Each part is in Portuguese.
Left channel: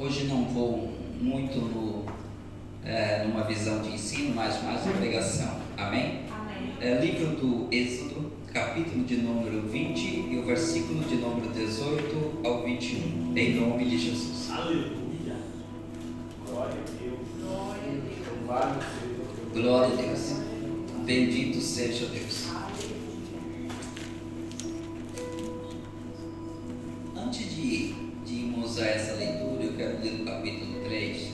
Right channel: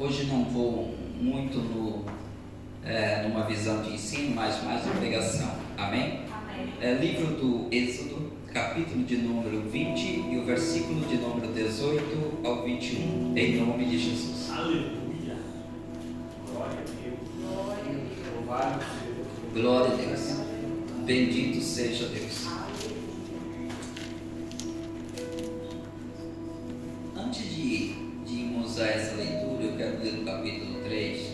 Hoje não vou muito numa visão de ensino, mas mais uma pregação. Amém? Amém. Livro do Êxodo, capítulo de número 20 e o versículo de número 18 ao 21, em nome de Jesus. Aleluia. Glória a Deus. Glória a Deus. Glória a Deus. Bendito seja Deus. Antes de irmos a essa leitura, eu quero ler o capítulo 3.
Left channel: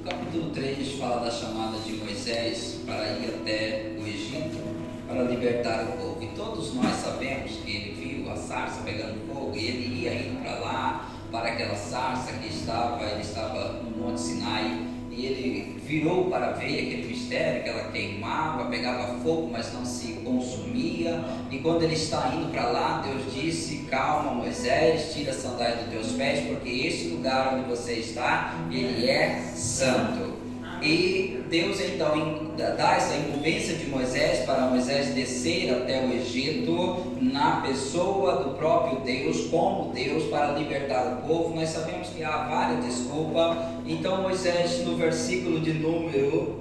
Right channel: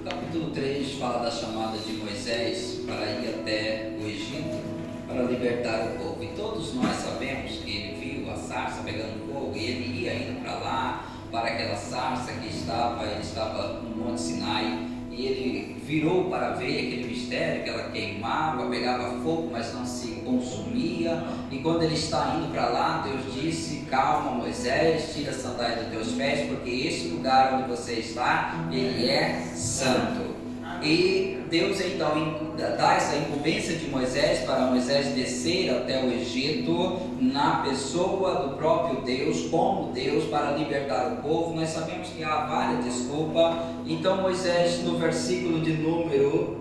O capítulo 3 fala da chamada de Moisés para ir até o Egito para libertar o povo. E todos nós sabemos que ele viu a sarça pegando fogo e ele ia indo para lá, para aquela sarça que ele estava no Monte Sinai, e ele virou para ver aquele mistério, que ela queimava, pegava fogo, mas não se consumia. E quando ele está indo para lá, Deus disse: calma, Moisés, tira a sandália dos teus pés, porque esse lugar onde você está, ele é santo. E Deus então dá essa incumbência de Moisés para Moisés descer até o Egito na pessoa do próprio Deus, como Deus, para libertar o povo. Nós sabemos que há várias desculpas. Então Moisés, no versículo de número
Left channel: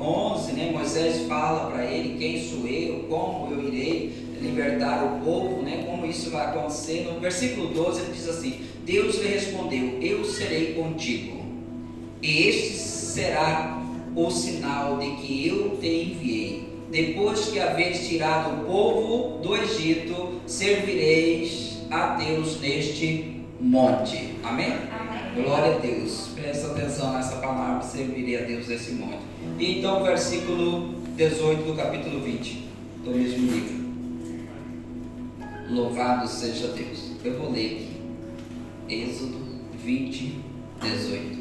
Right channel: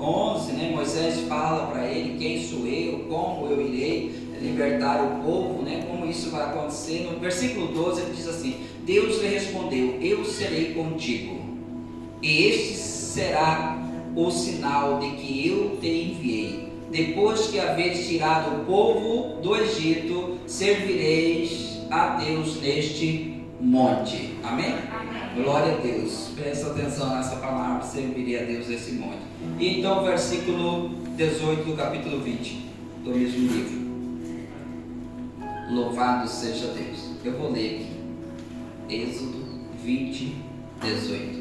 11, Moisés fala para ele: quem sou eu, como eu irei libertar o povo, como isso vai acontecer. No versículo 12 ele diz assim: Deus lhe respondeu: eu serei contigo, e este será o sinal de que eu te enviei. Depois que haveres tirado o povo do Egito, servireis a Deus neste monte. Amém? Amém. Glória a Deus. Presta atenção nessa palavra: servirei a Deus nesse monte. Então, versículo 18 do capítulo 20 do mesmo livro. Louvado seja Deus. Eu vou ler aqui. Êxodo 20, 18.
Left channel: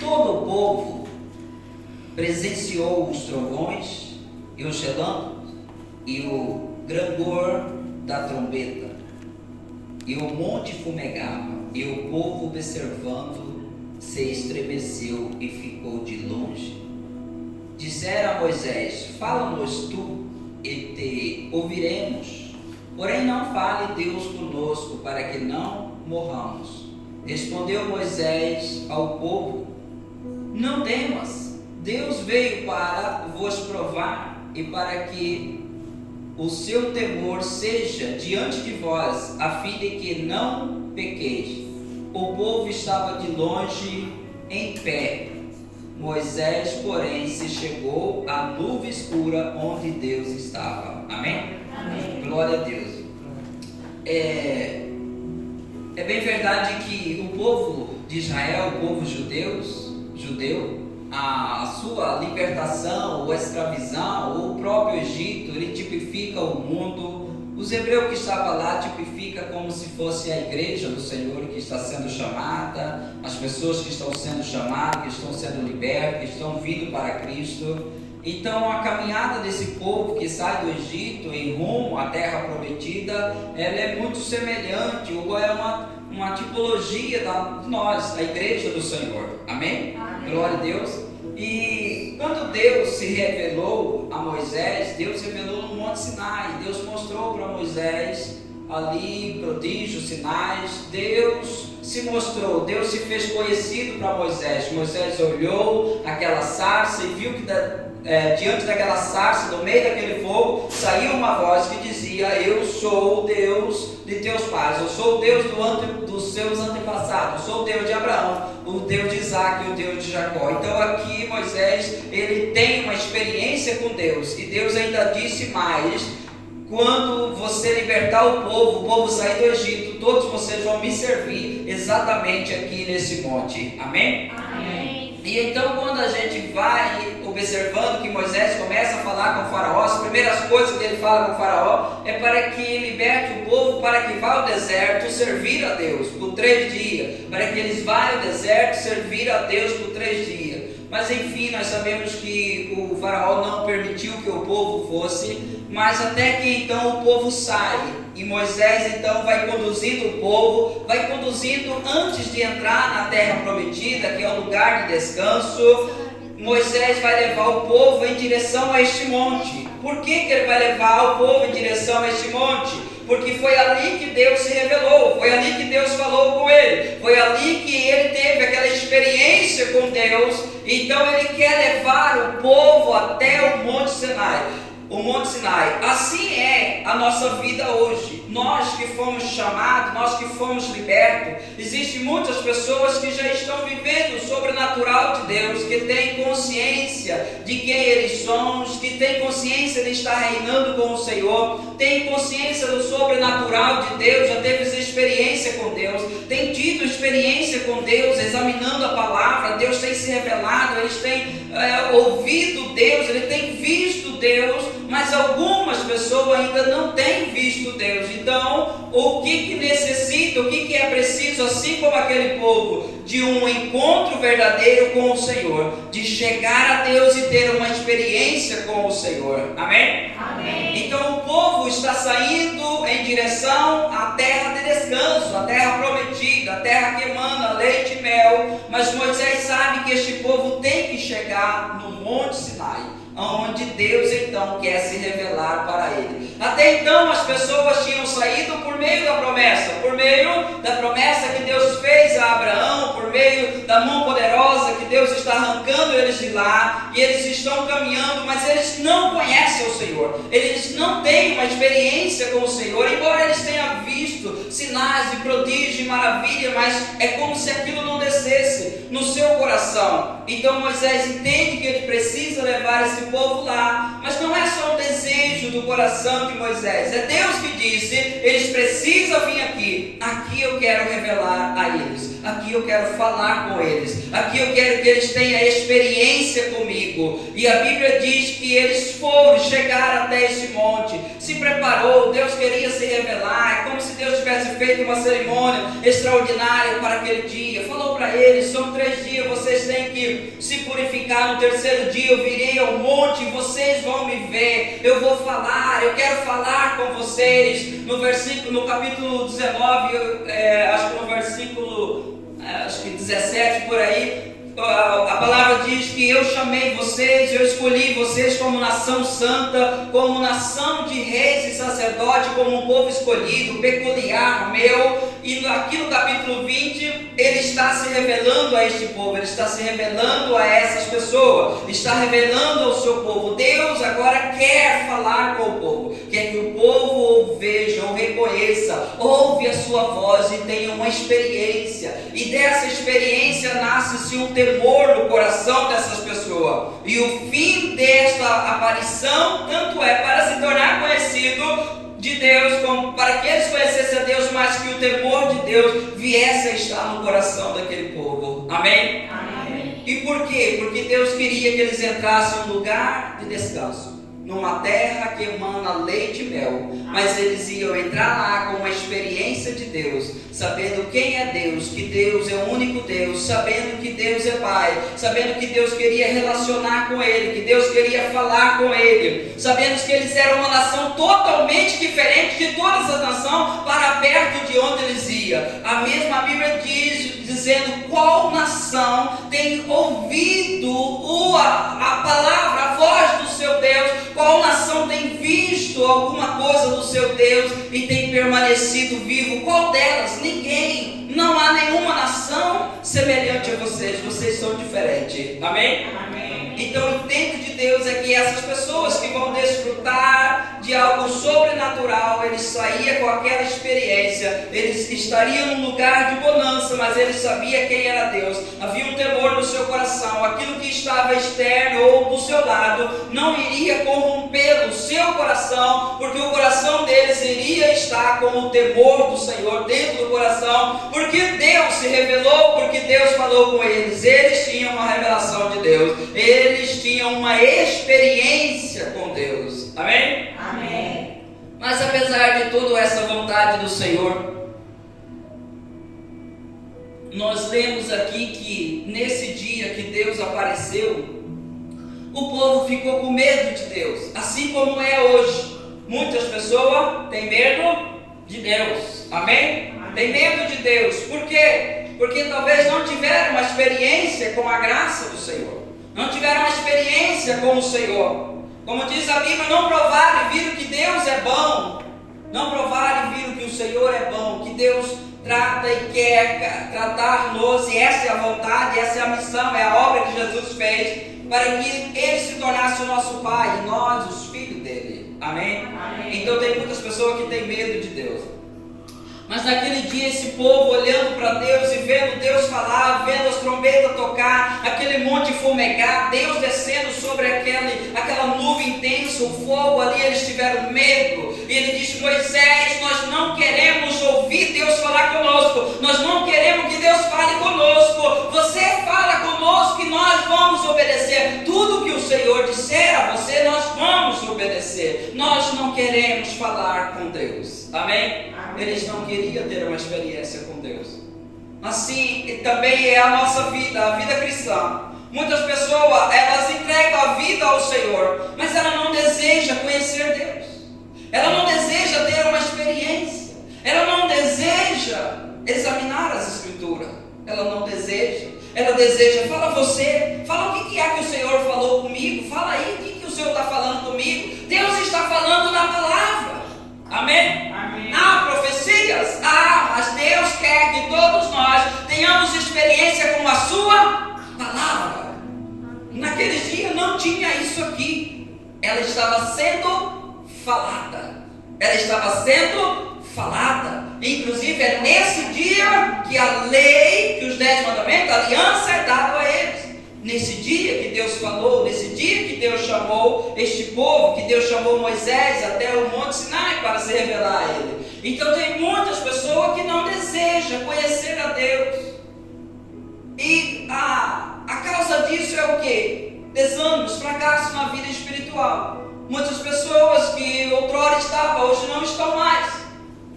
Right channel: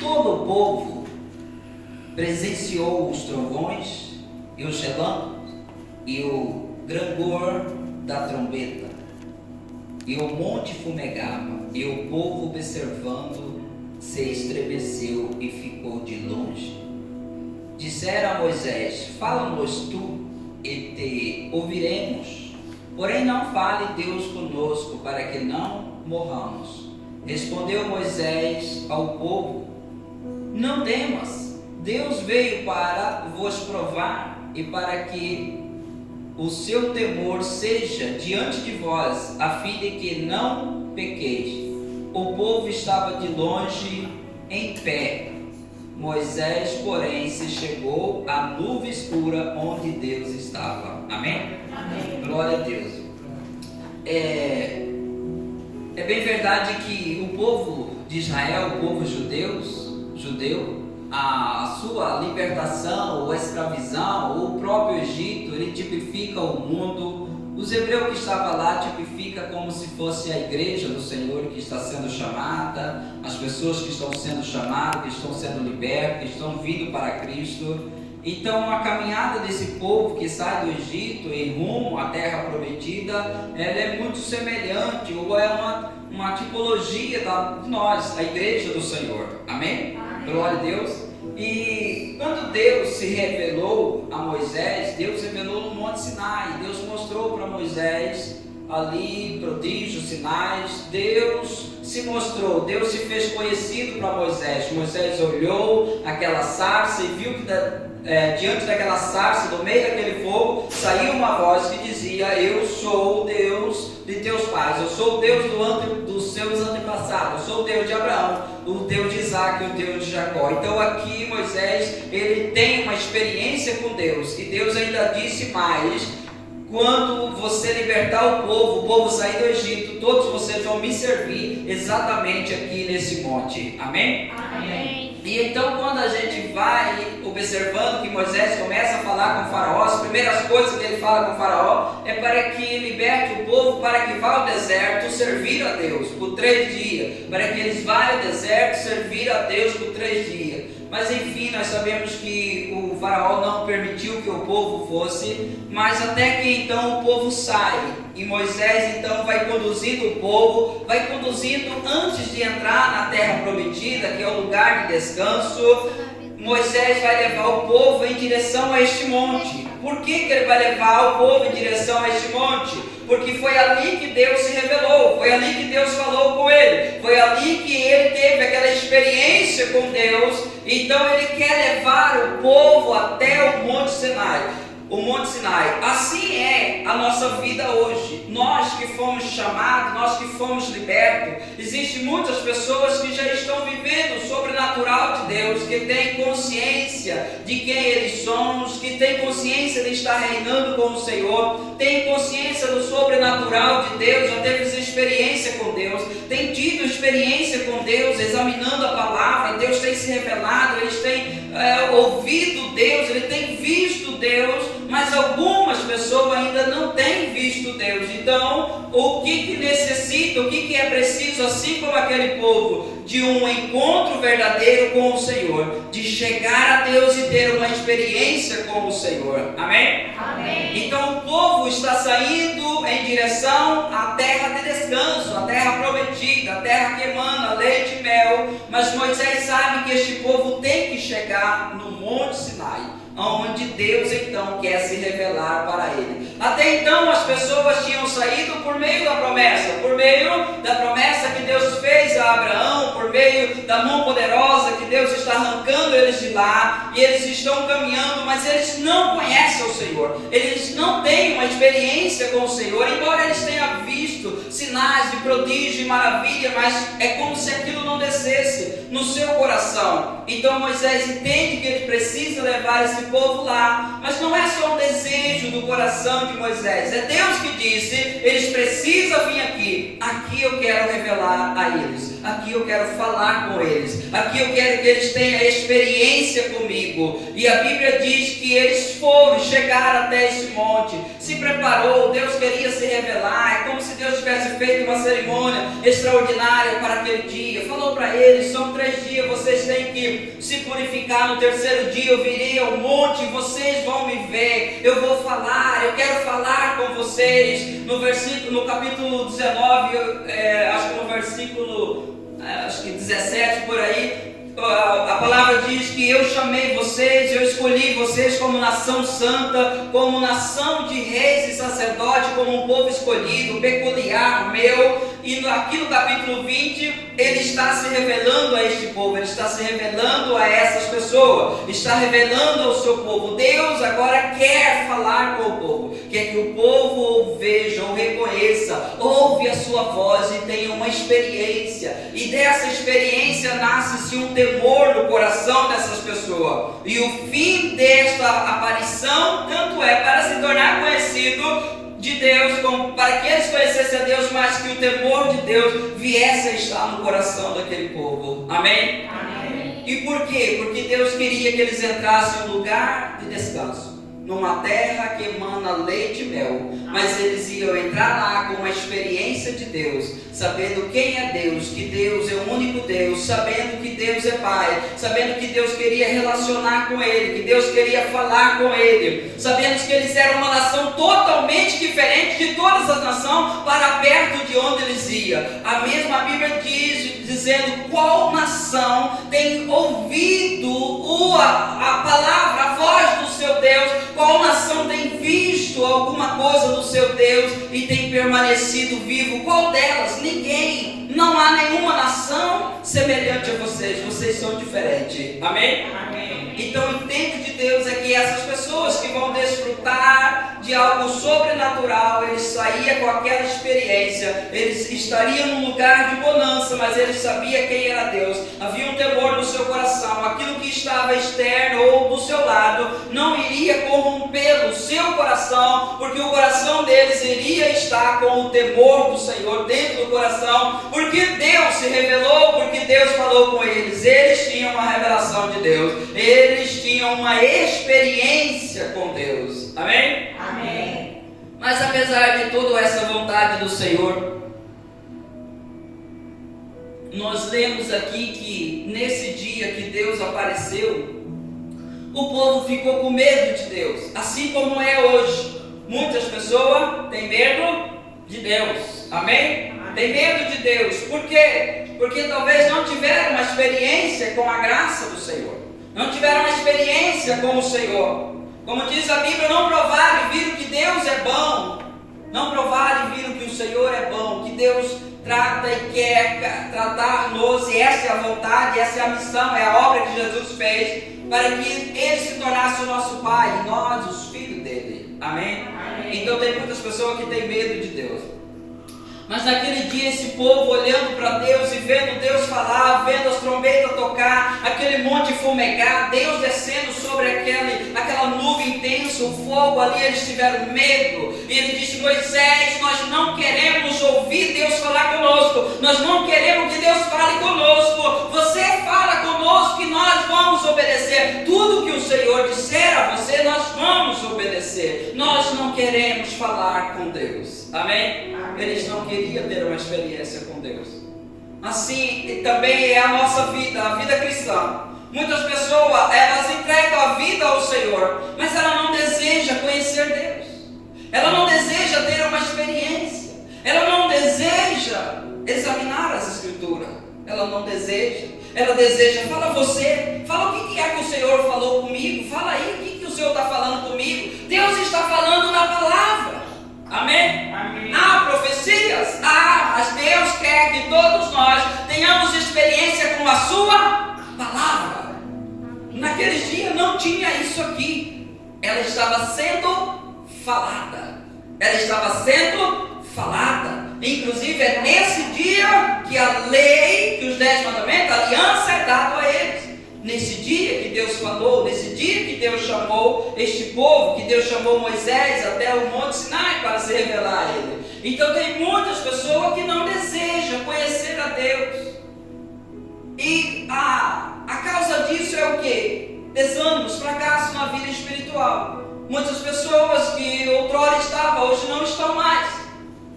Todo o povo presenciou os trovões e os relâmpagos e o grandor da trombeta, e o monte fumegava, e o povo observando se estremeceu e ficou de longe. Disseram a Moisés: fala-nos tu e te ouviremos, porém não fale Deus conosco, para que não morramos. Respondeu Moisés ao povo: não temas, Deus veio para vos provar e para que o seu temor seja diante de vós, a fim de que não pequeis. O povo estava de longe em pé. Moisés, porém, se chegou à nuvem escura onde Deus estava. Amém? Amém. Glória a Deus. É bem verdade que o povo de Israel, o povo judeu, a sua libertação ou escravidão, ou o próprio Egito, ele tipifica o mundo. Os hebreus que estavam lá tipifica como se fosse a igreja do Senhor que está sendo chamada, as pessoas que estão sendo chamadas, que estão sendo libertas, que estão vindo para Cristo. Então a caminhada desse povo que sai do Egito em rumo à terra prometida, ela é muito semelhante, ou é uma tipologia de nós, a igreja do Senhor. Amém? Amém. Glória a Deus. E quando Deus se revelou a Moisés, Deus revelou no Monte Sinai. Deus mostrou para Moisés ali prodígios, sinais. Deus se mostrou, Deus se fez conhecido para Moisés. Moisés olhou aquela sarça e viu que diante daquela sarça, no meio daquele fogo, saiu uma voz que dizia: eu sou o Deus de teus pais, eu sou o Deus dos seus antepassados, eu sou o Deus de Abraão, o Deus de Isaac e o Deus de Jacó. Então aqui Moisés, ele tem uma experiência com Deus, e Deus ainda disse mais: quando você libertar o povo sair do Egito, todos vocês vão me servir exatamente aqui nesse monte. Amém? Amém. E então quando a gente vai observando que Moisés começa a falar com o faraó, as primeiras coisas que ele fala com o faraó é para que liberte o povo, para que vá ao deserto servir a Deus por 3 dias, para que eles vá ao deserto servir a Deus por 3 dias. Mas enfim, nós sabemos que o faraó não permitiu que o povo fosse, mas até que então o povo sai, e Moisés então vai conduzindo o povo, vai conduzindo antes de entrar na terra prometida, que é o lugar de descanso. Moisés vai levar o povo em direção a este monte. Por que ele vai levar o povo em direção a este monte? Porque foi ali que Deus se revelou, foi ali que Deus falou com ele, foi ali que ele teve aquela experiência com Deus. Então ele quer levar o povo até o Monte Sinai. O Monte Sinai. Assim é a nossa vida hoje. Nós que fomos chamados, nós que fomos libertos, existem muitas pessoas que já estão vivendo o sobrenatural de Deus, que têm consciência de quem eles são, que têm consciência de estar reinando com o Senhor, têm consciência do sobrenatural de Deus, já teve experiência com Deus, têm tido experiência com Deus, examinando a palavra. Deus tem se revelado, eles têm ouvido Deus, eles têm visto Deus, mas algumas pessoas ainda não têm visto Deus. Então, o que necessita, o que é preciso, assim como aquele povo, de um encontro verdadeiro com o Senhor, de chegar a Deus e ter uma experiência com o Senhor. Amém? Amém. Então, o povo está saindo em direção à terra de descanso, à terra prometida, a terra que emana leite e mel. Mas Moisés sabe que este povo tem que chegar no Monte Sinai, onde Deus então quer se revelar para ele. Até então as pessoas tinham saído por meio da promessa que Deus fez a Abraão, por meio da mão poderosa que Deus está arrancando eles de lá, e eles estão caminhando, mas eles não conhecem o Senhor, eles não têm uma experiência com o Senhor, embora eles tenham visto sinais de prodígio e maravilha, mas é como se aquilo não descesse no seu coração. Então Moisés entende que ele precisa levar esse povo lá, mas não é só um desejo do coração de Moisés, é Deus que disse: eles precisam vir aqui eu quero revelar a eles, aqui eu quero falar com eles, aqui eu quero que eles tenham experiência comigo. E a Bíblia diz que eles chegaram até esse monte, se preparou, Deus queria se revelar, é como se Deus tivesse feito uma cerimônia extraordinária para aquele dia, falou para eles: são 3 dias, vocês têm que se purificar, no 3º dia eu virei ao monte, vocês vão me ver, eu vou falar, eu quero falar com vocês. No capítulo 19, acho que no versículo 17 por aí, a palavra diz que eu chamei vocês, eu escolhi vocês como nação santa, como nação de reis e sacerdotes, como um povo escolhido, peculiar, meu. E aqui no capítulo 20, ele está se revelando a este povo, ele está se revelando a essas pessoas, está revelando ao seu povo. Deus agora quer falar com o povo, quer que o povo ou veja, ou reconheça, ouve a sua voz e tenha uma experiência. E dessa experiência nasce-se um temor no coração dessas pessoas. E o fim desta aparição tanto é para se tornar conhecido de Deus, como para que eles conhecessem a Deus, mas que o temor de Deus viesse a estar no coração daquele povo. Amém? Amém. E por quê? Porque Deus queria que eles entrassem em um lugar de descanso, numa terra que emana leite e mel, mas eles iam entrar lá com uma experiência de Deus, sabendo quem é Deus, que Deus é o único Deus, sabendo que Deus é Pai, sabendo que Deus queria relacionar com ele, que Deus queria falar com ele, sabendo que eles eram uma nação totalmente diferente de todas as nações para perto de onde eles iam. A mesma Bíblia diz, dizendo: qual nação tem ouvido a palavra, a voz do seu Deus? Qual nação tem visto alguma coisa do seu Deus e tem permanecido vivo? Qual delas? Ninguém. Não há nenhuma nação semelhante a vocês. Vocês são diferentes. Amém? Amém. Então o intento de Deus é que essas pessoas que vão desfrutar de algo sobrenatural, eles saíam com aquela experiência, eles estariam num lugar de bonança, mas eles sabiam quem era Deus, havia um temor no seu coração, aquilo que estava externo ou do seu lado não iria corromper o seu coração, porque o coração deles iria estar com o temor do Senhor dentro do coração, porque Deus se revelou, porque Deus falou com eles, eles tinham uma revelação de Deus, eles tinham uma experiência com Deus. Amém? Amém. Mas apesar de toda essa vontade do Senhor, nós lemos aqui que nesse dia que Deus apareceu, o povo ficou com medo de Deus, assim como é hoje. Muitas pessoas têm medo de Deus. Amém? Tem medo de Deus. Por quê? Porque talvez não tiveram uma experiência com a graça do Senhor, não tiveram uma experiência com o Senhor. Como diz a Bíblia: não provaram e viram que Deus é bom. Não provaram e viram que o Senhor é bom, que Deus trata e quer tratar-nos, e essa é a vontade, essa é a missão, é a obra que Jesus fez, para que Ele se tornasse o nosso Pai, e nós os filhos dele. Amém? Amém. Então tem muitas pessoas que têm medo de Deus. Mas naquele dia esse povo olhando para Deus e vendo Deus falar, vendo as trombetas tocar, aquele monte fumegar, Deus descendo sobre aquela nuvem intensa, o fogo ali, eles tiveram medo. E ele disse: Moisés, nós não queremos ouvir Deus falar conosco, nós não queremos que Deus fale conosco, você fala conosco e nós vamos obedecer. Tudo que o Senhor disser a você, nós vamos obedecer. Nós não queremos falar com Deus. Amém? Eles não queriam ter uma experiência com Deus. Assim também é a nossa vida, a vida cristã. Muitas pessoas, elas entregam a vida ao Senhor, mas ela não deseja conhecer Deus. Ela não deseja ter uma experiência. Ela não deseja examinar as Escrituras. Ela não deseja. Ela deseja, fala você, fala o que é que o Senhor falou comigo. Fala aí, o que o Senhor está falando comigo. Deus está falando na palavra. Amém? Amém. Há profecias? Mas Deus quer que todos nós tenhamos experiência com a sua palavra. Naqueles dias não tinha isso aqui. Ela estava sendo falada. Ela estava sendo falada. Inclusive é nesse dia que a lei, que os 10 mandamentos, a aliança é dada a eles. Nesse dia que Deus falou, nesse dia que Deus chamou este povo, que Deus chamou Moisés até o Monte Sinai para se revelar a ele. Então tem muitas pessoas que não desejam conhecer a Deus. E a causa disso é o quê? Desânimos, fracasso na vida espiritual. Muitas pessoas que outrora estavam, hoje não estão mais.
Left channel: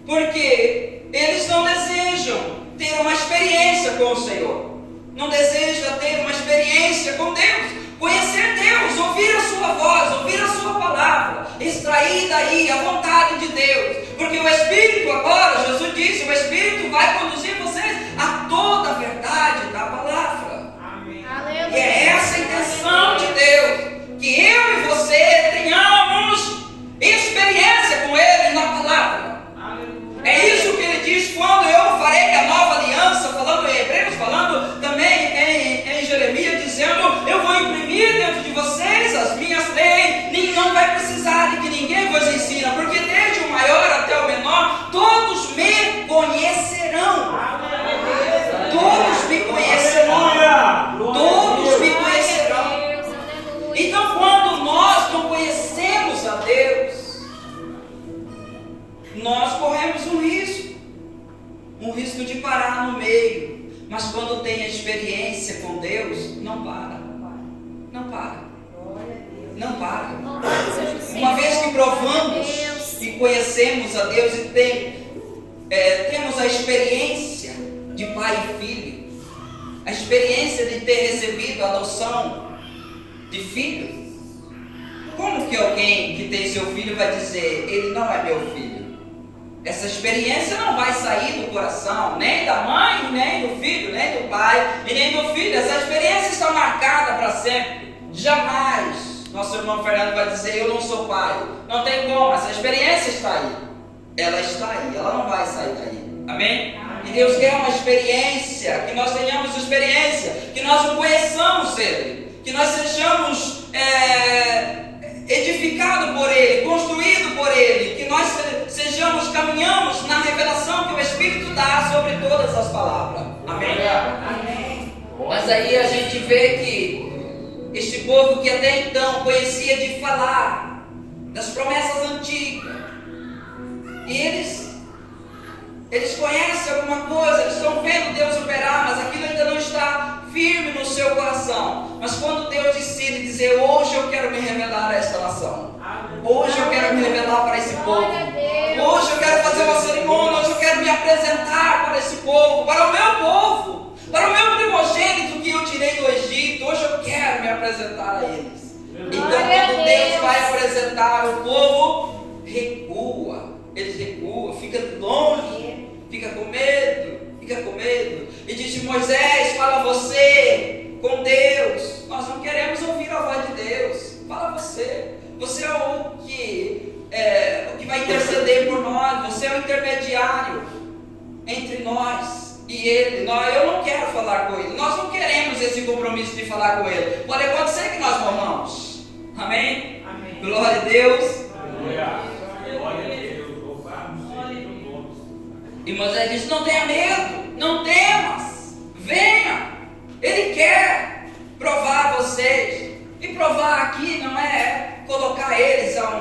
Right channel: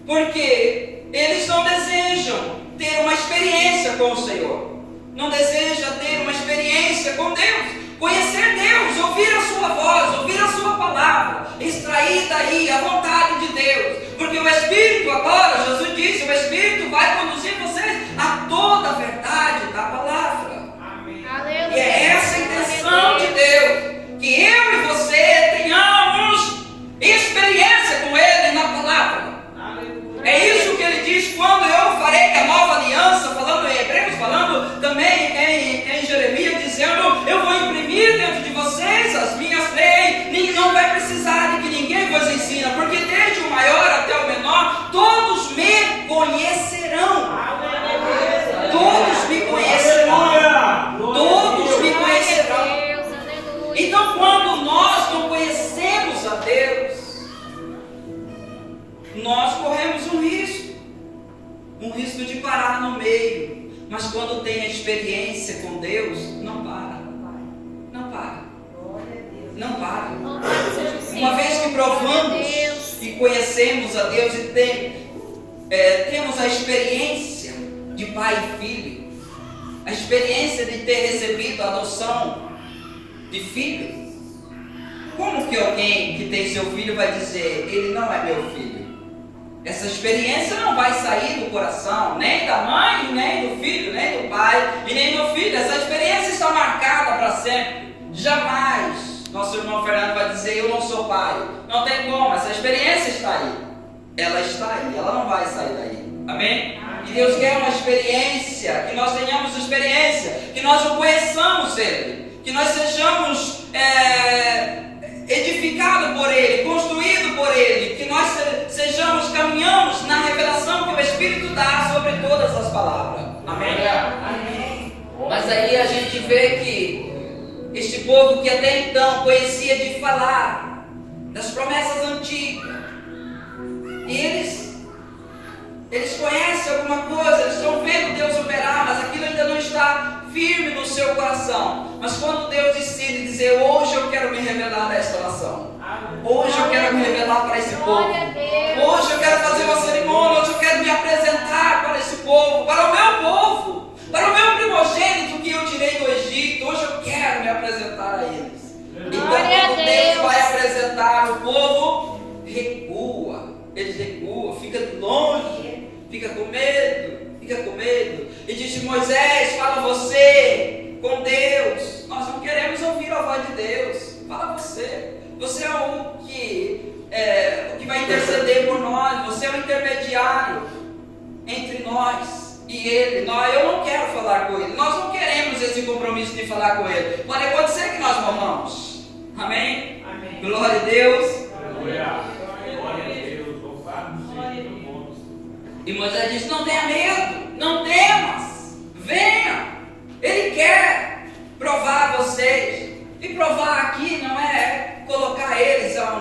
Porque eles não desejam ter uma experiência com o Senhor. Não deseja ter uma experiência com Deus, conhecer Deus, ouvir a sua voz, ouvir a sua palavra, extrair daí a vontade de Deus, porque o Espírito agora, Jesus disse, o Espírito vai conduzir vocês a toda a verdade da palavra. Amém. E é essa a intenção de Deus, que eu e você tenhamos experiência com Ele na palavra. É isso que ele diz: quando eu farei a nova aliança, falando em Hebreus, falando também em Jeremias, dizendo: eu vou imprimir dentro de vocês as minhas leis, não vai precisar de que ninguém vos ensina, porque desde o maior até o menor, todos me conhecerão. Todos me conhecerão. Todos me conhecerão. Então, quando nós não conhecemos a Deus, nós corremos um risco de parar no meio. Mas quando tem a experiência com Deus, não para. Uma vez que provamos e conhecemos a Deus e temos a experiência de pai e filho, a experiência de ter recebido a adoção de filho, como que alguém que tem seu filho vai dizer: ele não é meu filho? Essa experiência não vai sair do coração, nem da mãe, nem do filho, nem do pai e nem do filho. Essa experiência está marcada para sempre. Jamais nosso irmão Fernando vai dizer: eu não sou pai. Não tem como, essa experiência está aí. Ela está aí, ela não vai sair daí. Amém? E Deus quer uma experiência, que nós tenhamos experiência, que nós o conheçamos Ele, que nós sejamos edificados por Ele, construídos por Ele, que nós caminhamos na revelação que o Espírito dá sobre todas as palavras. Amém? Amém. Mas aí a gente vê que este povo que até então conhecia de falar das promessas antigas, e eles conhecem alguma coisa, eles estão vendo Deus operar, mas aquilo ainda não está firme no seu coração. Mas quando Deus decide dizer: hoje eu quero me revelar a esta nação, hoje eu quero me revelar para esse povo, hoje eu quero fazer uma cerimônia, hoje eu quero me apresentar para esse povo, para o meu povo, para o meu primogênito que eu tirei do Egito, hoje eu quero me apresentar a eles. Então quando Deus vai apresentar, o povo recua, eles recuam, fica longe, fica com medo. E disse: Moisés, fala você com Deus, nós não queremos ouvir a voz de Deus, fala você. Você é o que vai interceder por nós, você é o intermediário. entre nós e ele. Eu não quero falar com ele. Nós não queremos esse compromisso de falar com ele. Pode acontecer que nós morramos. Amém? Amém. Glória a Deus. Aleluia. Glória a Deus. Louvado seja o nome. E Moisés disse: não tenha medo, não temas, venha. Ele quer provar vocês. E provar aqui não é colocar eles a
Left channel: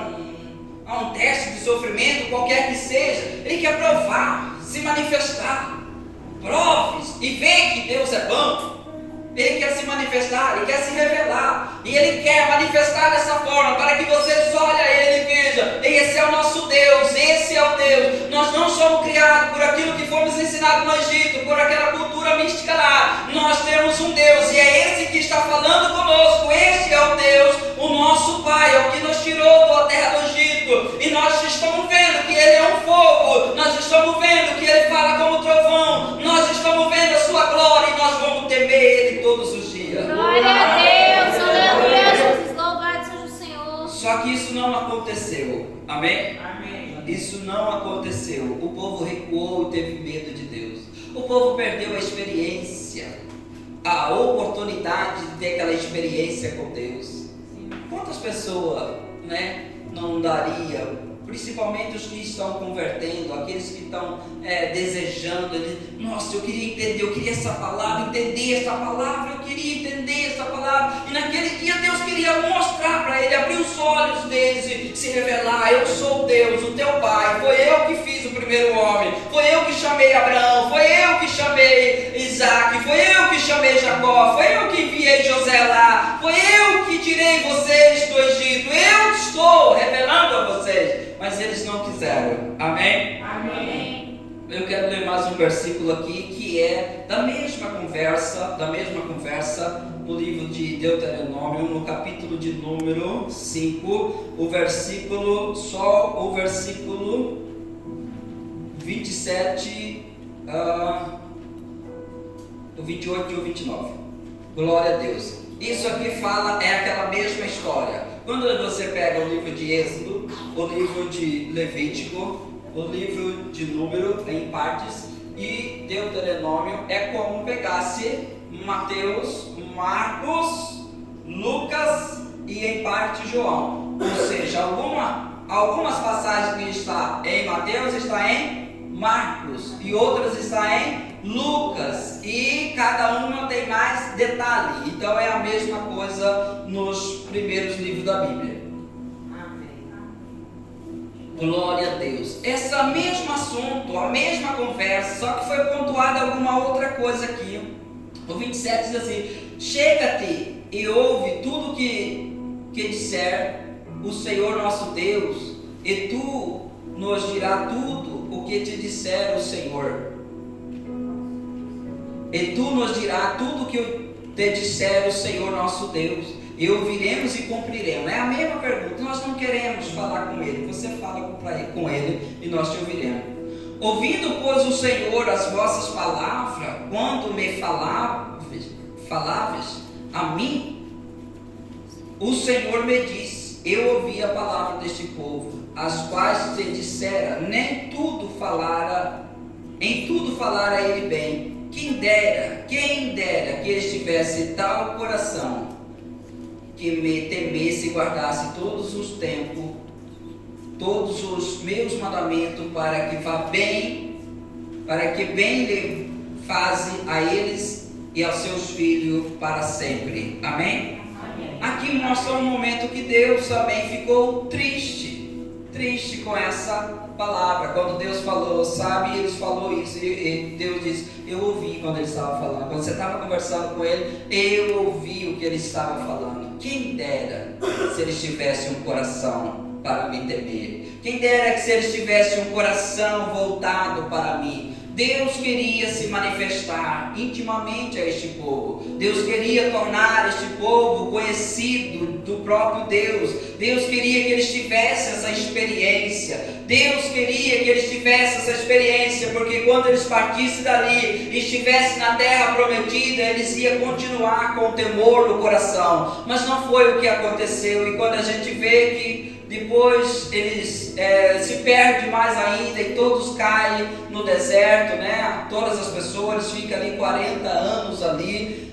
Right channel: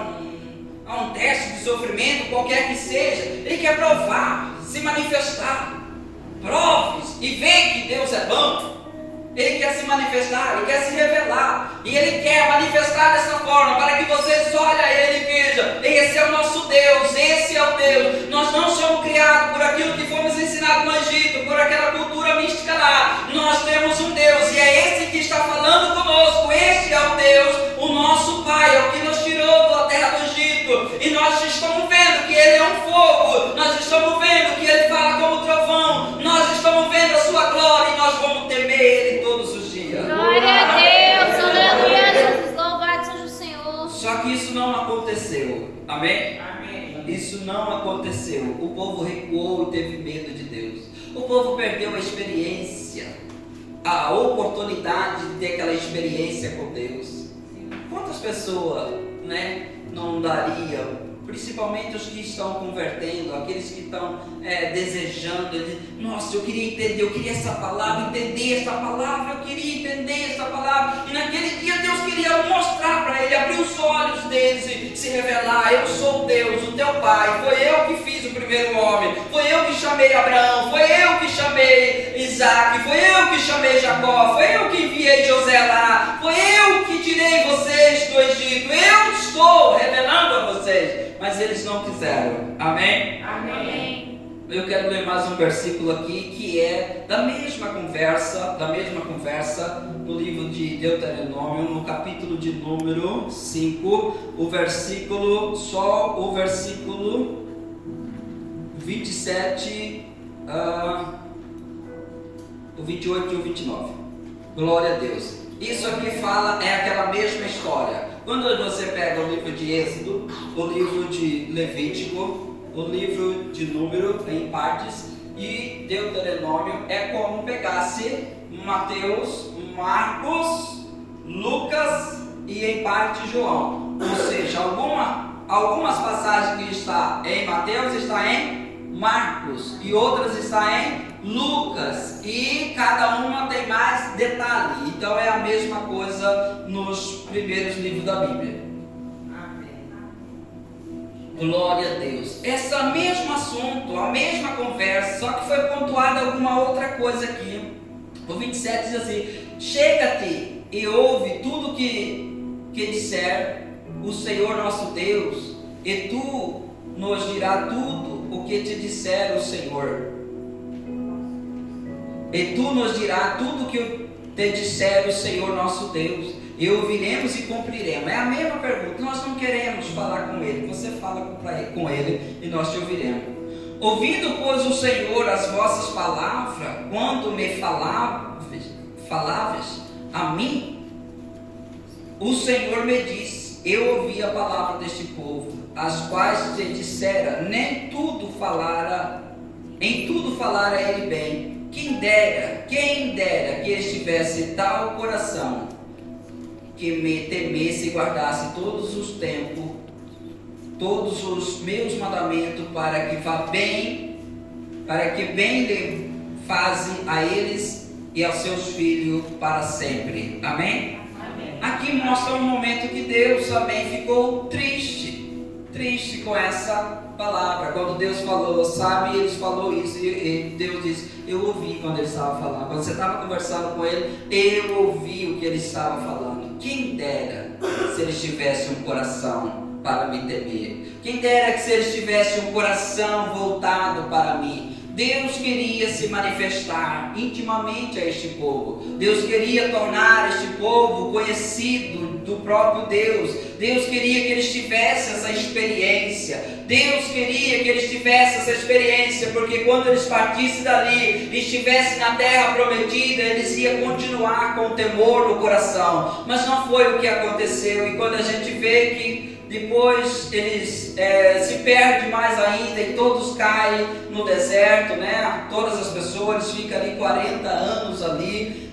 um teste de sofrimento, qualquer que seja. Ele quer provar, se manifestar. Prove e veja que Deus é bom. Ele quer se manifestar, ele quer se revelar. E ele quer manifestar dessa forma, para que vocês olhem a ele e vejam: esse é o nosso Deus, esse é o Deus. Nós não somos criados por aquilo que fomos ensinados no Egito, por aquela cultura mística lá. Nós temos um Deus, e é esse que está falando conosco. Esse é o Deus, o nosso Pai, é o que nos tirou da terra do Egito. E nós estamos vendo que ele é um fogo, nós estamos vendo que ele fala como trovão, nós estamos vendo a sua glória, e nós vamos temer ele todos os dias. Glória a Deus, aleluia, Jesus, louvado seja o Senhor. Só que isso não aconteceu, amém? Amém. Isso não aconteceu. O povo recuou e teve medo de Deus. O povo perdeu a experiência, a oportunidade de ter aquela experiência com Deus. Quantas pessoas, não dariam, principalmente os que estão convertendo, aqueles que estão desejando, nossa, eu queria entender, eu queria essa palavra, entender essa palavra, eu queria entender essa palavra. E naquele dia Deus queria mostrar para ele, abrir os olhos deles e se revelar: eu sou Deus, o teu Pai, foi eu que fiz o primeiro homem, foi eu que chamei Abraão, foi eu que chamei Isaac, foi eu que chamei Jacó, foi eu que enviei José lá, foi eu que tirei vocês do Egito, eu estou revelando a vocês. Mas eles não quiseram, amém? Amém. Eu quero ler mais um versículo aqui, que é da mesma conversa, no livro de Deuteronômio, no capítulo de número 5, o versículo 27, o 28 e o 29. Glória a Deus. Isso aqui é aquela mesma história. Quando você pega o livro de Êxodo, o livro de Levítico, o livro de Número em partes, e Deuteronômio, é como pegasse Mateus, Marcos, Lucas e em parte João. Ou seja, algumas passagens que está em Mateus está em Marcos e outras está em Lucas, e cada uma tem mais detalhe. Então é a mesma coisa nos primeiros livros da Bíblia. Amém. Glória a Deus. Esse mesmo assunto, a mesma conversa, só que foi pontuada alguma outra coisa aqui. O 27 diz assim: chega-te e ouve tudo que disser o Senhor nosso Deus, e tu nos dirá tudo o que te disser o Senhor. E tu nos dirá tudo o que te disser o Senhor nosso Deus, e ouviremos e cumpriremos. É a mesma pergunta. Nós não queremos falar com ele, você fala com ele e nós te ouviremos. Ouvindo, pois, o Senhor as vossas palavras, quando me faláveis a mim, o Senhor me disse: eu ouvi a palavra deste povo, as quais te dissera, em tudo falara ele bem. Quem dera que estivesse tal coração, que me temesse e guardasse todos os tempos, todos os meus mandamentos, para que bem lhe faze a eles e aos seus filhos para sempre. Amém? Amém. Aqui mostra um momento que Deus também ficou triste com essa palavra. Quando Deus falou, sabe, eles falou isso, e Deus disse: eu ouvi quando ele estava falando. Quando você estava conversando com ele, eu ouvi o que ele estava falando. Quem dera se eles tivessem um coração para me temer. Quem dera que se eles tivessem um coração voltado para mim. Deus queria se manifestar intimamente a este povo. Deus queria tornar este povo conhecido do próprio Deus. Deus queria que eles tivessem essa experiência. Deus queria que eles tivessem essa experiência, porque quando eles partissem dali e estivessem na terra prometida, eles iam continuar com temor no coração. Mas não foi o que aconteceu. E quando a gente vê que depois eles se perdem mais ainda e todos caem no deserto, né? Todas as pessoas ficam ali 40 anos ali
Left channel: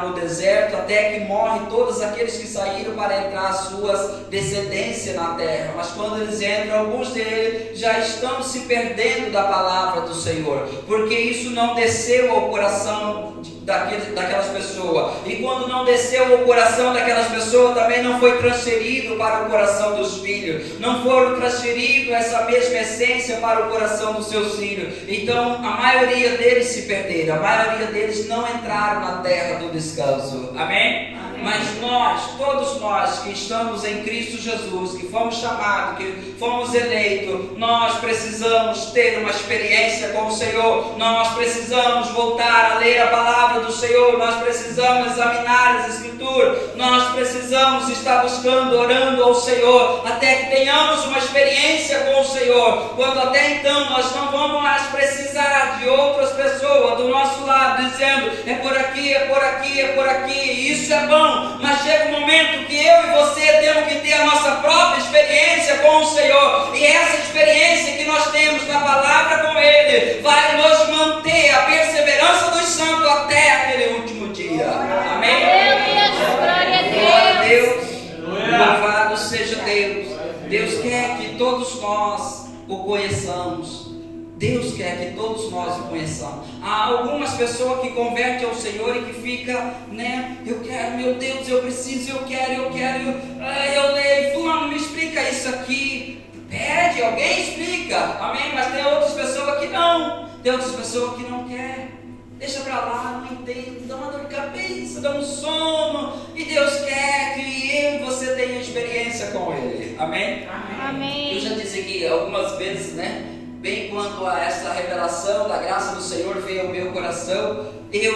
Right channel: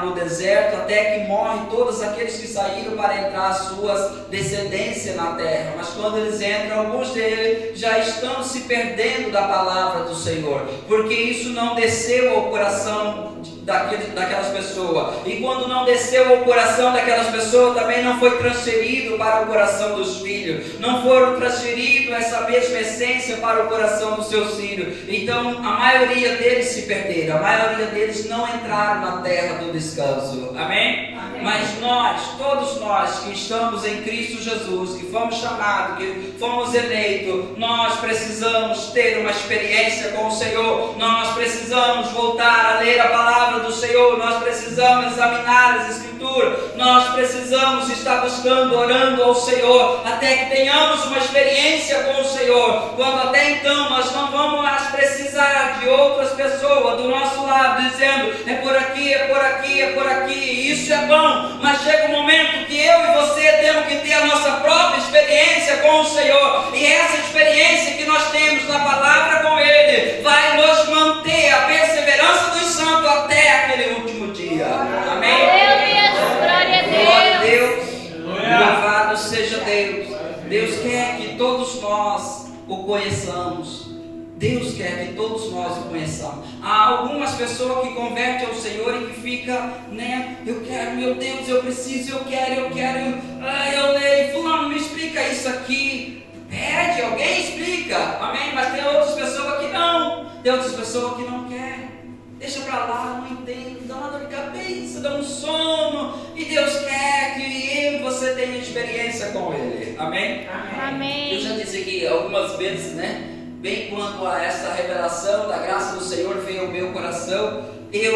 no deserto, até que morrem todos aqueles que saíram para entrar as suas descendências na terra. Mas quando eles entram, alguns deles já estão se perdendo da palavra do Senhor, porque isso não desceu ao coração daquelas pessoas, e quando não desceu ao coração daquelas pessoas, também não foi transferido para o coração dos filhos, não foram transferidos essa mesma essência para o coração dos seus filhos. Então a maioria deles se perderam, a maioria deles não entraram na terra do descanso. Amém? Mas nós, todos nós que estamos em Cristo Jesus, que fomos chamados, que fomos eleitos, nós precisamos ter uma experiência com o Senhor, nós precisamos voltar a ler a palavra do Senhor, nós precisamos examinar as Escrituras, nós precisamos estar buscando, orando ao Senhor, até que tenhamos uma experiência com o Senhor, quando até então nós não vamos mais precisar de outras pessoas do nosso lado, dizendo, é por aqui, é por aqui, é por aqui, isso é bom. Mas chega um momento que eu e você temos que ter a nossa própria experiência com o Senhor, e essa experiência que nós temos na palavra com Ele vai nos manter a perseverança dos santos até aquele último dia. Amém? Glória a Deus. Louvado seja Deus. Deus quer que todos nós o conheçamos. Deus quer que todos nós o conheçamos. Há algumas pessoas que convertem ao Senhor e que ficam, né? Eu quero, meu Deus, eu preciso, eu quero. Eu leio, fulano, me explica isso aqui. Pede, alguém explica. Amém? Mas tem outras pessoas que não. Tem outras pessoas que não querem. Deixa pra lá, não entende, dá uma dor de cabeça, dá um sono. E Deus quer que eu e você tenha experiência com Ele. Amém? Amém. Eu já disse aqui algumas vezes, né? Bem quando a essa revelação da graça do Senhor veio ao meu coração, eu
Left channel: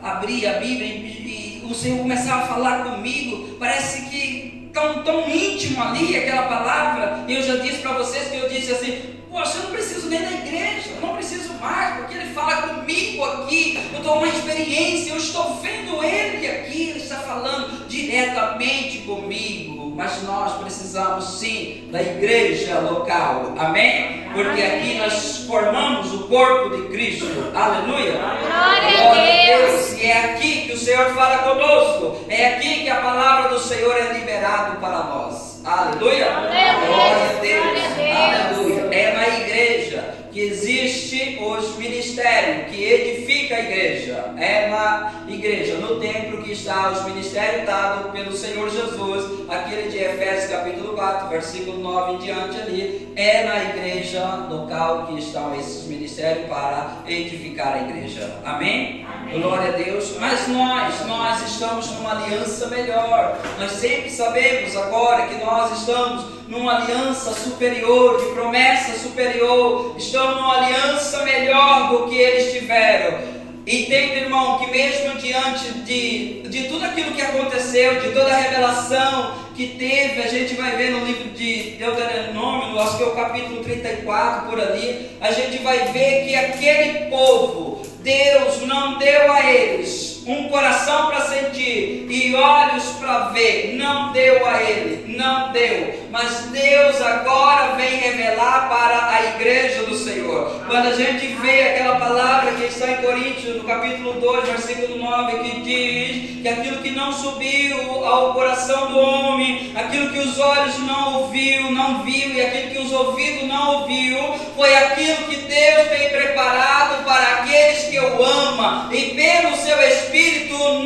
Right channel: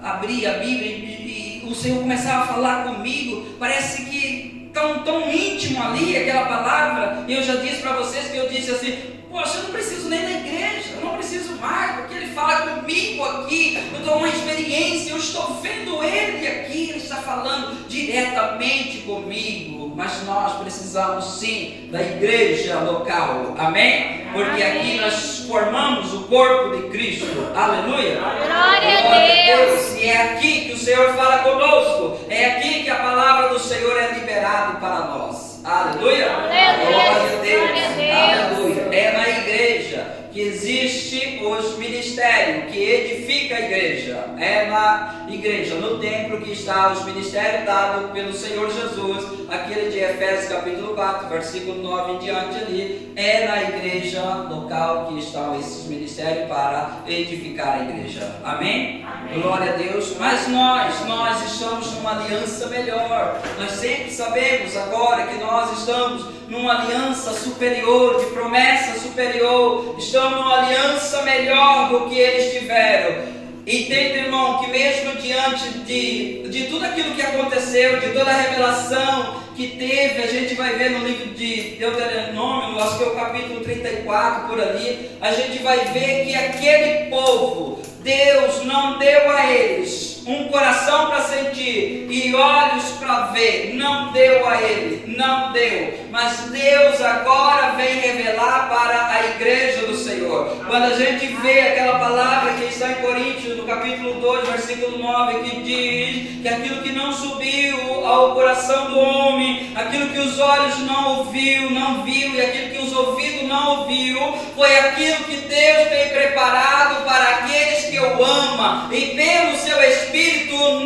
abri a Bíblia e o Senhor começava a falar comigo, parece que tão íntimo ali aquela palavra. Eu já disse para vocês que eu disse assim, poxa, eu não preciso nem da igreja, eu não preciso mais, porque Ele fala comigo aqui, eu estou uma experiência, eu estou vendo Ele aqui, Ele está falando diretamente comigo. Mas nós precisamos sim da igreja local, amém? Porque aqui nós formamos o corpo de Cristo, aleluia? Glória a Deus. E é aqui que o Senhor fala conosco, é aqui que a palavra do Senhor é liberada para nós, aleluia? Glória a Deus, aleluia. É na igreja que existe os ministérios, que edifica a igreja, é na igreja, no templo que está os ministérios dados pelo Senhor Jesus, aquele de Efésios capítulo 4, versículo 9 em diante ali, é na igreja local que estão esses ministérios para edificar a igreja, amém? Glória a Deus. Mas nós estamos numa aliança melhor, nós sempre sabemos agora que nós estamos numa aliança superior, de promessa superior, estamos numa aliança melhor do que eles tiveram. Entende, irmão, que mesmo diante de tudo aquilo que aconteceu, de toda a revelação que teve, a gente vai ver no livro de Deuteronômio, acho que é o capítulo 34 por ali, a gente vai ver que aquele povo, Deus não deu a eles um coração para sentir e olhos para ver, não deu a ele, não deu, mas Deus agora vem revelar para a igreja do Senhor. Quando a gente vê aquela palavra que está em Coríntios, no capítulo 2, versículo 9, que diz que aquilo que não subiu ao coração do homem, aquilo que os olhos não viu, e aquilo que os ouvidos não ouviu, foi aquilo que Deus tem preparado para aqueles que o amam, e pelo seu Espírito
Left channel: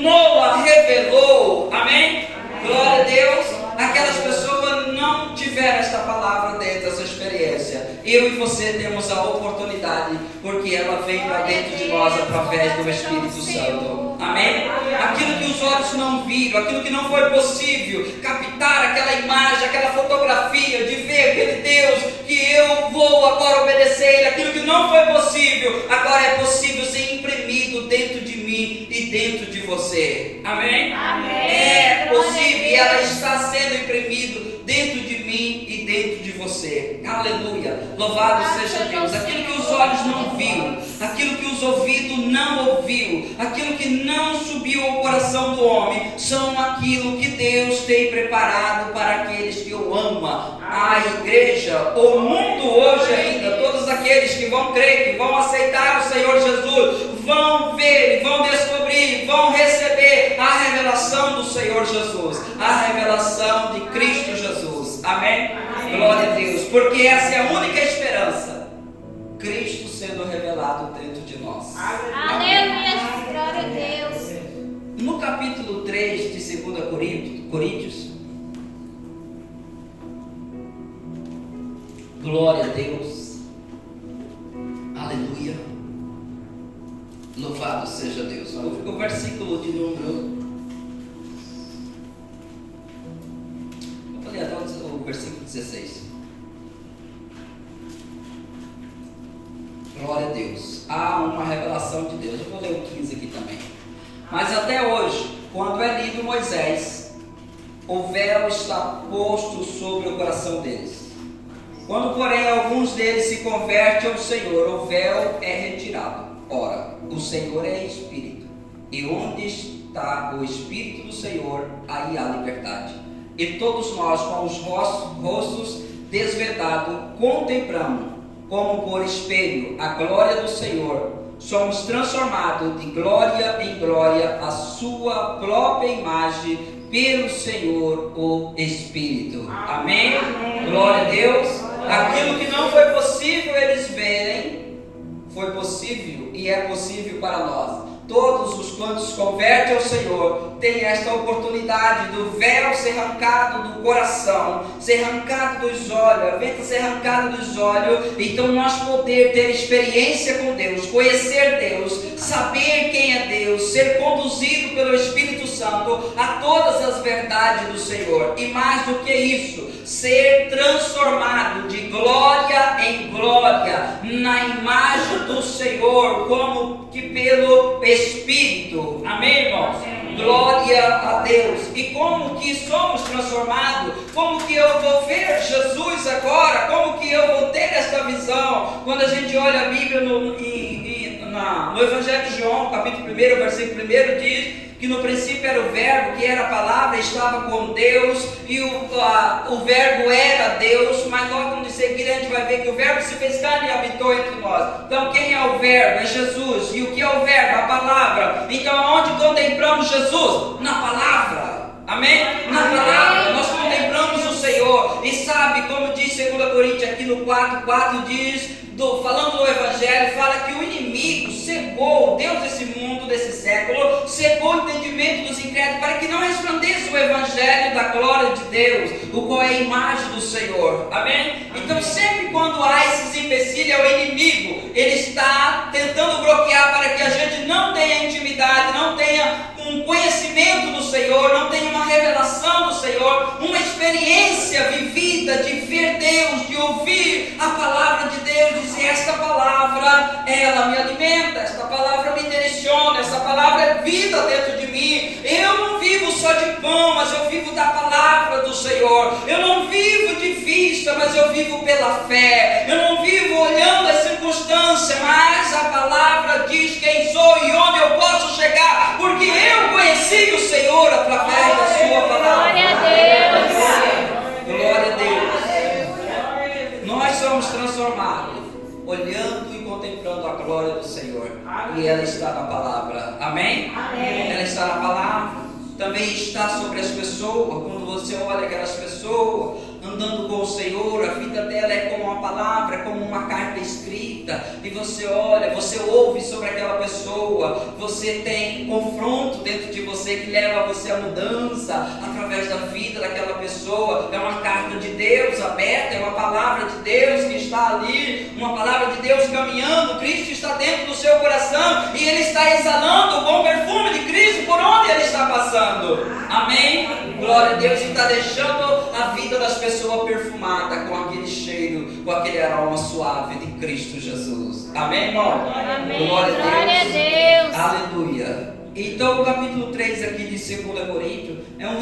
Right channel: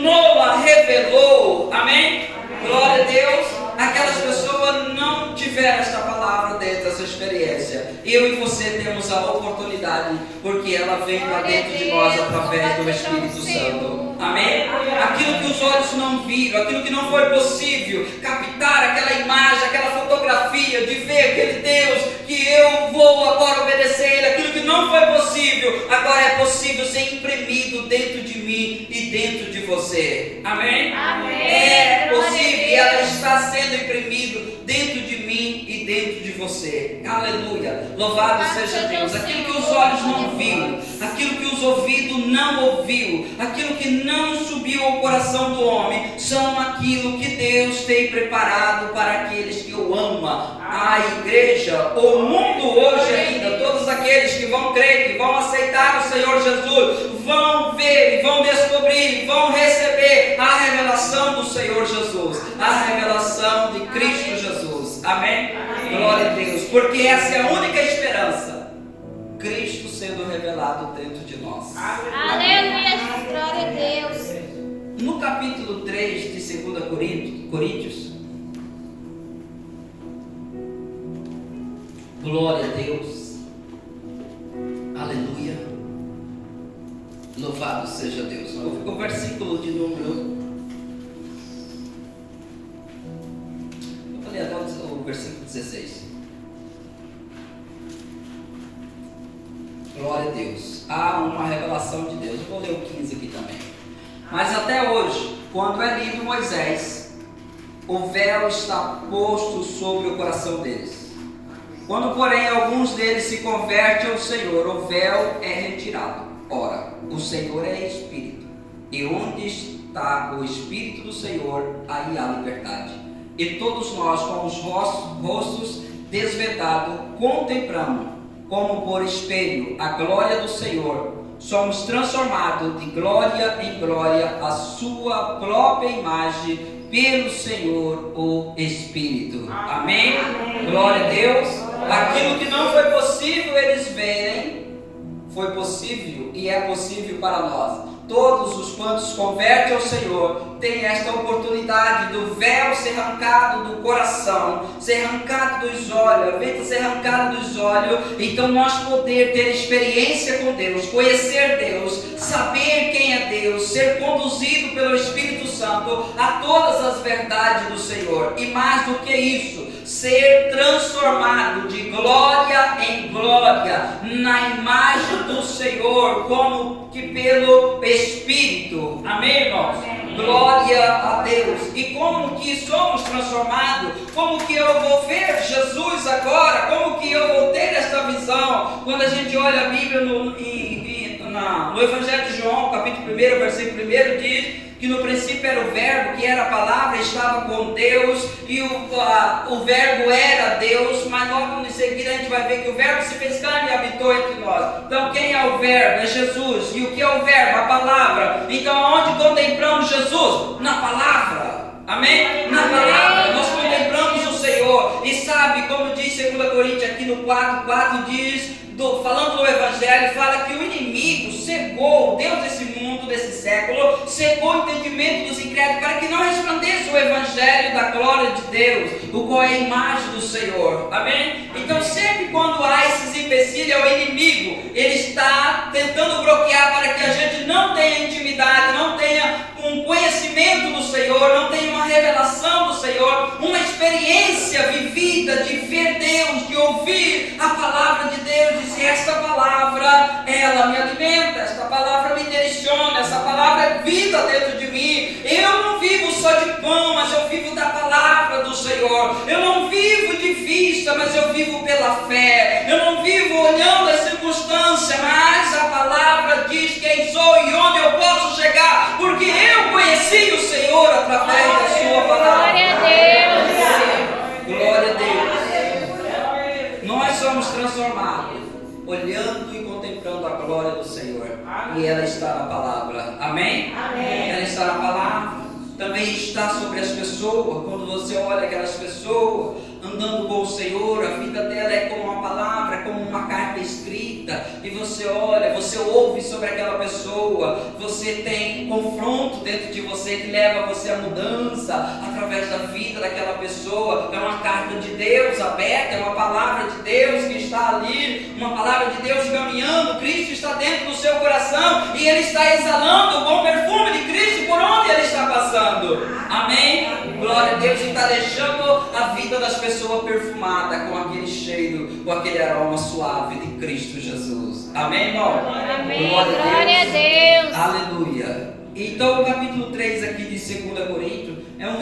Noa revelou, amém? Glória a Deus. Aquelas pessoas não tiveram esta palavra dentro dessa experiência. Eu e você temos a oportunidade, porque ela vem para dentro de nós através do Espírito Santo, amém? Aquilo que os olhos não viram, aquilo que não foi possível captar, aquela imagem, aquela fotografia, de ver aquele Deus que eu vou agora obedecer Ele, aquilo que não foi possível, agora é possível ser imprimido dentro de mim e dentro de você, amém? É possível, e ela está sendo imprimido dentro de mim e dentro de você, aleluia, louvado seja Deus. Aquilo que os olhos não viram, aquilo que os ouvidos não ouviu, aquilo que não subiu ao coração do homem, são aquilo que Deus tem preparado para aqueles que o amam. A igreja, o mundo hoje ainda, todos aqueles que vão crer, que vão aceitar o Senhor Jesus, vão ver e vão descobrir, vão receber a revelação do Senhor Jesus, a revelação de Cristo Jesus. Amém? Glória a Deus, porque essa é a única esperança, Cristo sendo revelado dentro de nós. Aleluia, glória a Deus. No capítulo 3 de 2 Coríntios, glória a Deus, aleluia, louvado seja Deus. O versículo de número, eu falei até o versículo 16. Glória a Deus, há uma revelação de Deus. Eu vou ler o 15 aqui também. Mas até hoje, quando é lido Moisés, o véu está posto sobre o coração deles. Quando, porém, alguns deles se convertem ao Senhor, o véu é retirado. Ora, o Senhor é Espírito, e onde está o Espírito do Senhor, aí há liberdade. E todos nós, com os rostos desvedados, contemplamos, como por espelho, a glória do Senhor, somos transformados de glória em glória, a sua própria imagem, pelo Senhor, o Espírito. Amém? Glória a Deus. Aquilo que não foi possível eles verem, foi possível e é possível para nós. Todos os quantos convertem ao Senhor têm esta oportunidade do véu ser arrancado do coração, ser arrancado dos olhos, a venda ser arrancada dos olhos. Então nós poder ter experiência com Deus, conhecer Deus, saber quem é Deus, ser conduzido pelo Espírito Santo a todas as verdades do Senhor. E mais do que isso, ser transformado de glória em glória na imagem do Senhor, como que pelo Espírito. Amém, irmãos? Glória a Deus. E como que somos transformados? Como que eu vou ver Jesus agora? Como que eu vou ter esta visão? Quando a gente olha a Bíblia no Evangelho de João, capítulo 1, versículo 1, diz que no princípio era o verbo, que era a palavra, estava com Deus, e o verbo era Deus. Mas logo em seguida a gente vai ver que o verbo se fez carne e habitou entre nós. Então quem é o verbo? É Jesus. E o que é o verbo? A palavra. Então onde contemplamos Jesus? Na palavra. Amém? Na palavra. Nós contemplamos o Senhor. E sabe como diz 2 Coríntios aqui no 4:4, diz, falando do Evangelho, fala que o inimigo cegou, Deus desse mundo, desse século, cegou o entendimento dos incrédulos para que não resplandeça o Evangelho da glória de Deus, o qual é a imagem do Senhor. Amém? Então sempre quando há esses empecilhos, é o inimigo, ele está tentando bloquear para que a gente não tenha intimidade, não tenha um conhecimento do Senhor, não tenha uma revelação do Senhor, uma experiência vivida de ver Deus, de ouvir a palavra de Deus, dizer: esta palavra, ela me alimenta, esta palavra me direciona, essa palavra é vida dentro de mim. Eu não vivo só de pão, mas eu vivo da palavra do Senhor. Eu não vivo de vista, mas eu vivo pela fé. Eu não vivo olhando as circunstâncias, mas a palavra diz quem sou e onde eu posso chegar, porque eu conheci o Senhor através da sua palavra. Glória a Deus. Glória a Deus. Nós somos transformados olhando e contemplando a glória do Senhor. E ela está na palavra. Amém? Amém. Ela está na palavra. Também está sobre as pessoas. Quando você olha aquelas pessoas andando com o Senhor, a vida dela é como uma palavra, é como uma carta escrita. E você olha, você ouve sobre aquela pessoa, você tem confronto dentro de você que leva você à mudança através da vida daquela pessoa. É uma carta de Deus aberta, é uma palavra de Deus que está ali, uma palavra de Deus caminhando. Cristo está dentro do seu coração e Ele está exalando o bom perfume de Cristo por onde Ele está passando. Amém? Glória a Deus. E está deixando a vida das pessoas perfumada com aquele cheiro, com aquele aroma suave de Cristo Jesus. Amém, irmão? Amém. Glória a Deus. Aleluia. Então o capítulo 3 aqui de 2 Coríntios é um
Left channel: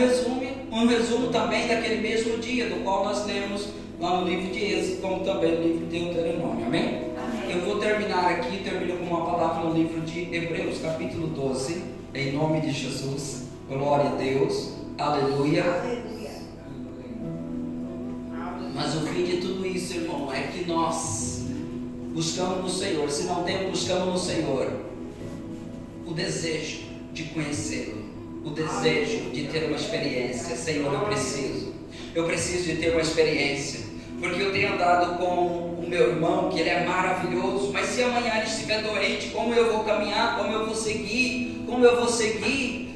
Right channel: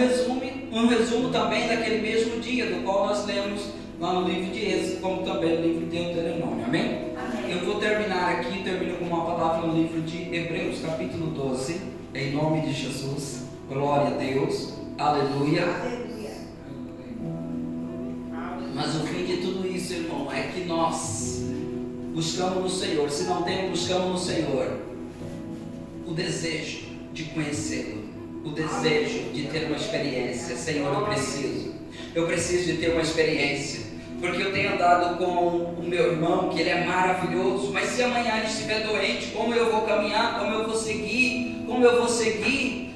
resumo também daquele mesmo dia, do qual nós lemos lá no livro de Êxodo, como também no livro de Deuteronômio. Amém? Eu vou terminar aqui, termino com uma palavra no livro de Hebreus, capítulo 12, em nome de Jesus. Glória a Deus. Aleluia. Mas irmão, é que nós buscamos no Senhor. Se não temos, buscamos no Senhor o desejo de conhecê-lo, o desejo de ter uma experiência. Senhor, eu preciso de ter uma experiência, porque eu tenho andado com o meu irmão, que ele é maravilhoso, mas se amanhã ele estiver doente, como eu vou caminhar, como eu vou seguir?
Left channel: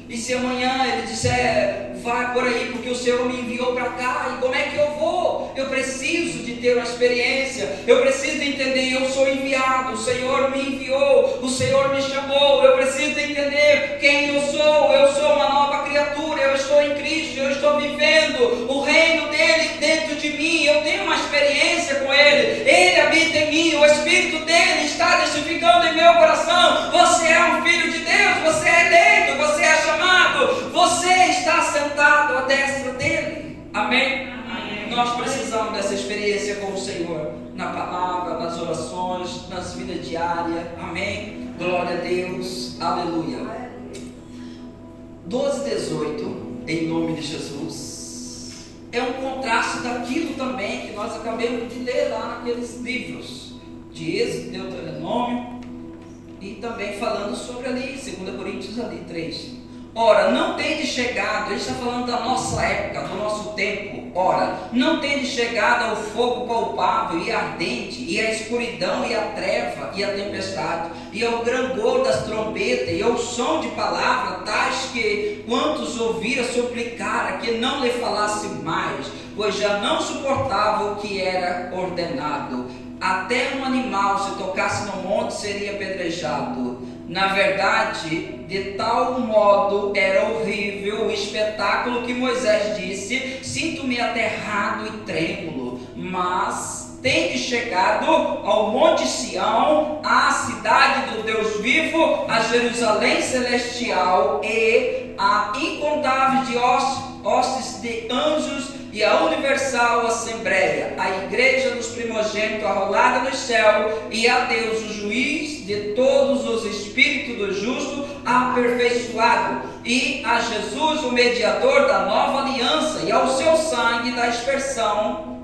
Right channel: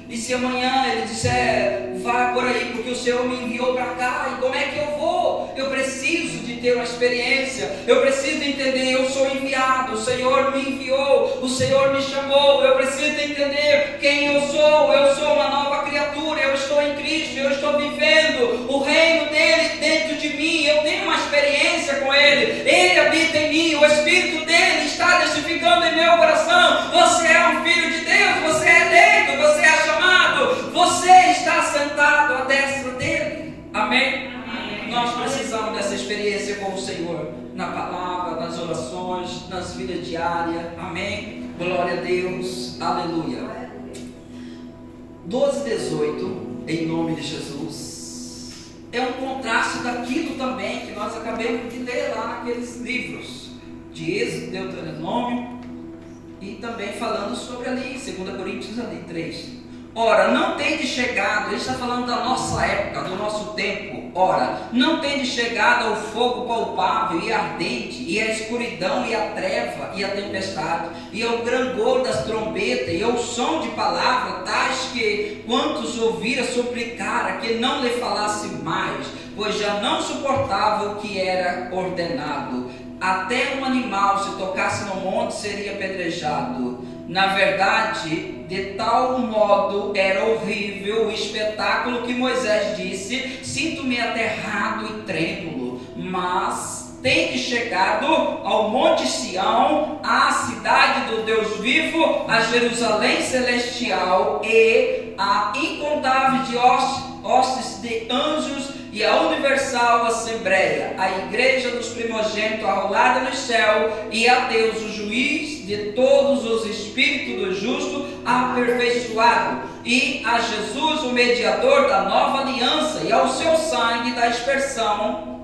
E se amanhã ele disser, vai por aí, porque o Senhor me enviou para cá, e como é que eu vou? Eu preciso de ter uma experiência, eu preciso de entender, eu sou enviado, o Senhor me enviou, o Senhor me chamou, eu preciso de entender quem eu sou uma nova criatura, eu estou em Cristo, eu estou vivendo o reino dele dentro de mim, eu tenho uma experiência com ele habita em mim, o Espírito dele está testificando em meu coração. Você é um filho de Deus, você é eleito, você é chamado, você está sentado à destra dele. Amém? Amém. Nós precisamos dessa experiência com o Senhor, na palavra, nas orações, nas vidas diárias. Amém? Glória a Deus, aleluia. 12:18, em nome de Jesus, é um contraste daquilo também que nós acabamos de ler lá naqueles livros de Êxodo, Deuteronômio, e também falando sobre ali, 2 Coríntios ali, 3. Ora, não tem chegado, ele está falando da nossa época, do nosso tempo. Ora, não tem chegado ao fogo palpável e ardente, e a escuridão, e a treva, e a tempestade, e ao grangor das trombetas, e ao som de palavras, tais que quantos ouvira suplicara que não lhe falasse mais, pois já não suportava o que era ordenado. Até um animal, se tocasse no monte, seria apedrejado. Na verdade, de tal modo era horrível o espetáculo que Moisés disse: sinto-me aterrado e trêmulo. Mas tendes chegado ao monte Sião, à cidade do Deus vivo, a Jerusalém celestial e a incontáveis de hostes de anjos, e a universal assembleia, a igreja dos primogênitos arrolada no céu, e a Deus, o juiz de todos os espíritos do justo, aperfeiçoado, e a Jesus, o mediador da nova aliança, e ao seu sangue da expressão,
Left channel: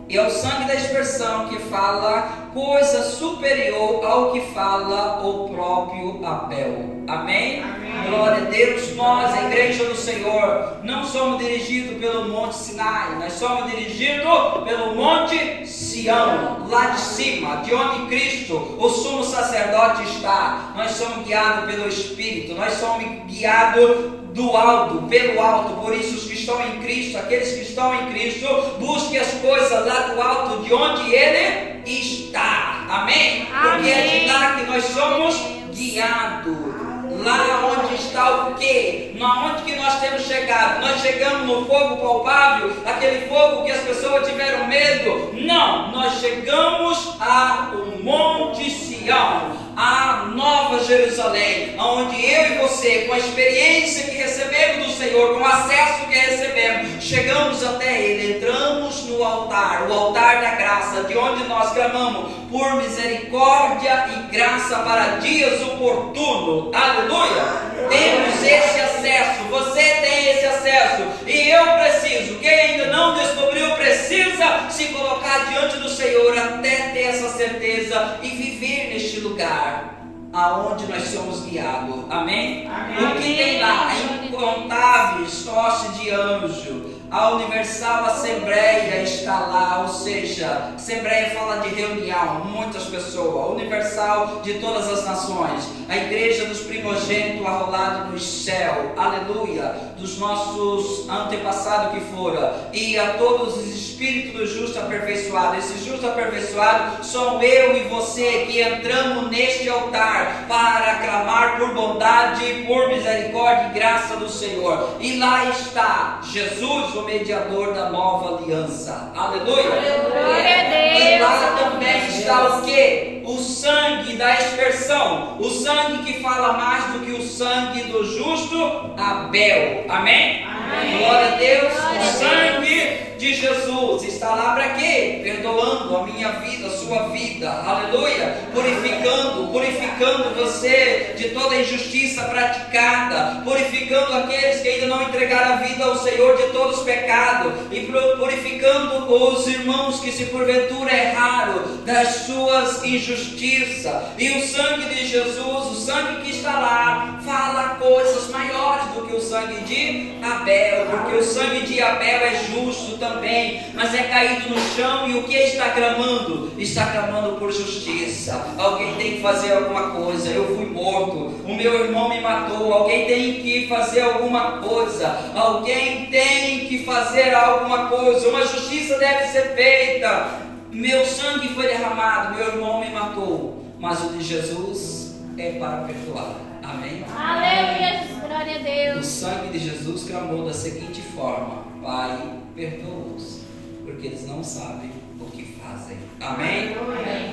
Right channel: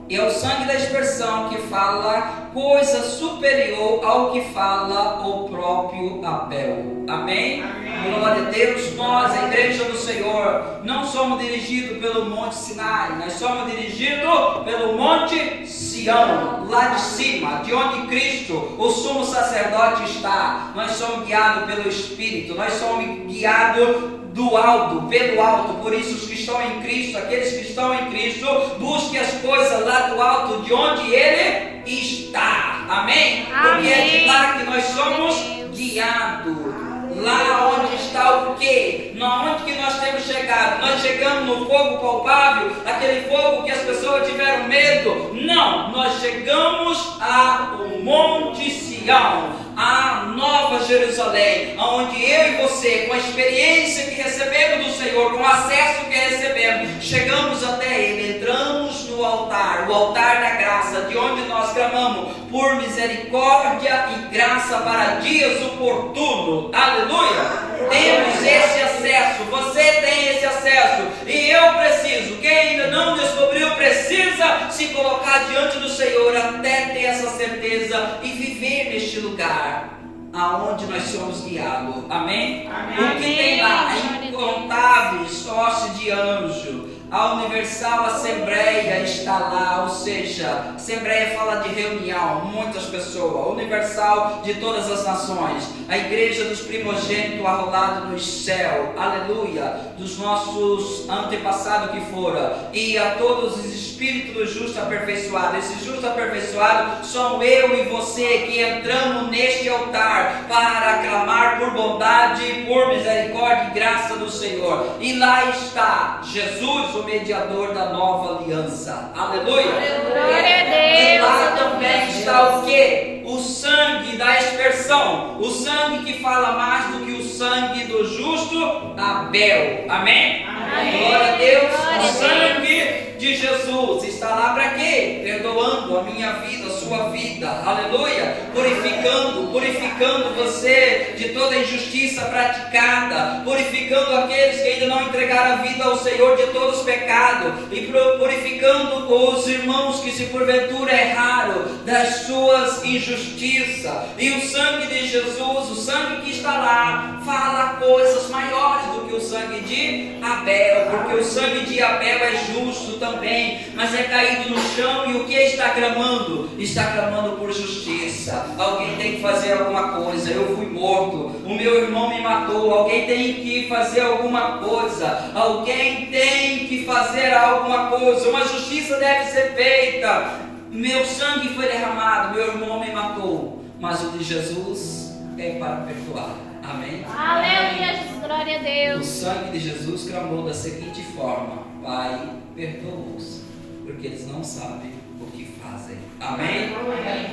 que fala coisa superior ao que fala o próprio Abel. Amém? Amém. Glória a Deus. Nós, a igreja do Senhor, não somos dirigidos pelo monte Sinai, nós somos dirigidos pelo monte Sião, lá de cima, de onde Cristo, o sumo sacerdote, está. Nós somos guiados pelo Espírito, nós somos guiados do alto, pelo alto. Por isso os que estão em Cristo, aqueles que estão em Cristo, busquem as coisas lá do alto, de onde Ele está. Amém? Porque é de lá que nós somos guiados. Lá onde está o quê? Onde que nós temos chegado? Nós chegamos no fogo palpável, aquele fogo que as pessoas tiveram medo? Não, nós chegamos ao Monte Sião, a Nova Jerusalém, onde eu e você, com a experiência que recebemos do Senhor, com o acesso que recebemos, chegamos até Ele, entramos no altar, o altar da graça, de onde nós clamamos por misericórdia e graça para dias oportunos. Aleluia! Temos esse acesso, você tem esse acesso, e eu preciso, quem ainda não descobriu, precisa se colocar diante do Senhor até ter essa certeza e viver neste lugar aonde nós somos guiados. Amém? Amém. O que tem lá? Incontáveis hostes de anjo, a universal assembleia está lá, ou seja, assembleia fala de reunião, muitas pessoas, a universal de todas as nações, a igreja dos primogênitos arrolados no céu, aleluia, dos nossos antepassados que foram, e a todos os espíritos justos aperfeiçoados. Esses justos aperfeiçoados são eu e você que entramos neste altar para clamar por bondade, por misericórdia e graça do Senhor, e lá está Jesus, o mediador da nova aliança. Aleluia! Glória a Deus! E lá também está o que? O sangue da expiação, o sangue que fala mais do que o sangue do justo Abel. Amém? Amém. Glória a Deus! O sangue de Jesus está lá para quê? Perdoando a minha vida, a sua sua vida, aleluia, purificando você de toda injustiça praticada, purificando aqueles que ainda não entregaram a vida ao Senhor de todos os pecados, e purificando os irmãos que se porventura erraram das suas injustiças. E o sangue de Jesus, o sangue que está lá, fala coisas maiores do que o sangue de Abel, porque o sangue de Abel é justo também, mas é caído no chão, e o que está clamando? Está clamando por justiça. Alguém tem que fazer alguma coisa. Eu fui morto, o meu irmão me matou, alguém tem que fazer alguma coisa, alguém tem que fazer alguma coisa, uma justiça deve ser feita. Meu sangue foi derramado, meu irmão me matou, mas o de Jesus é para perdoar. Amém? Aleluia, glória a O Deus. sangue de Jesus clamou da seguinte forma: Pai, perdoa-os, porque eles não sabem o que fazem. Amém?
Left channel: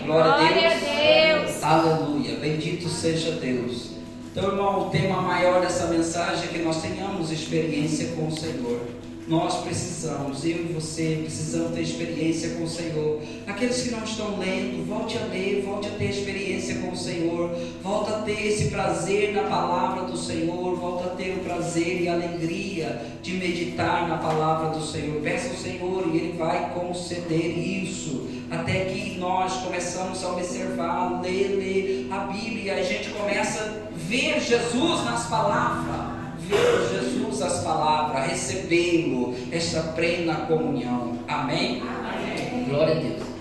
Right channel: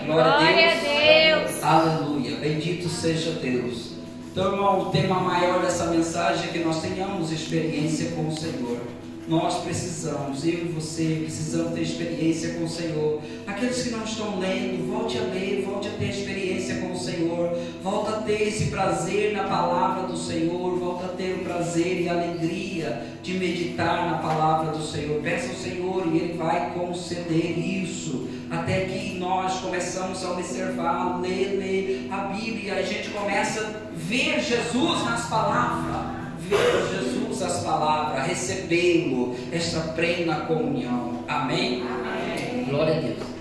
Glória a Deus. Aleluia, bendito seja Deus. Então, irmão, o tema maior dessa mensagem é que nós tenhamos experiência com o Senhor. Nós precisamos, eu e você, precisamos ter experiência com o Senhor. Aqueles que não estão lendo, volte a ler, volte a ter experiência com o Senhor, volte a ter esse prazer na palavra do Senhor, volte a ter o prazer e a alegria de meditar na palavra do Senhor. Peça ao Senhor e Ele vai conceder isso, até que nós começamos a observar, ler a Bíblia, e a gente começa a ver Jesus nas palavras. Ver Jesus as palavras, recebê-lo, essa plena comunhão. Amém? Amém. Glória a Deus.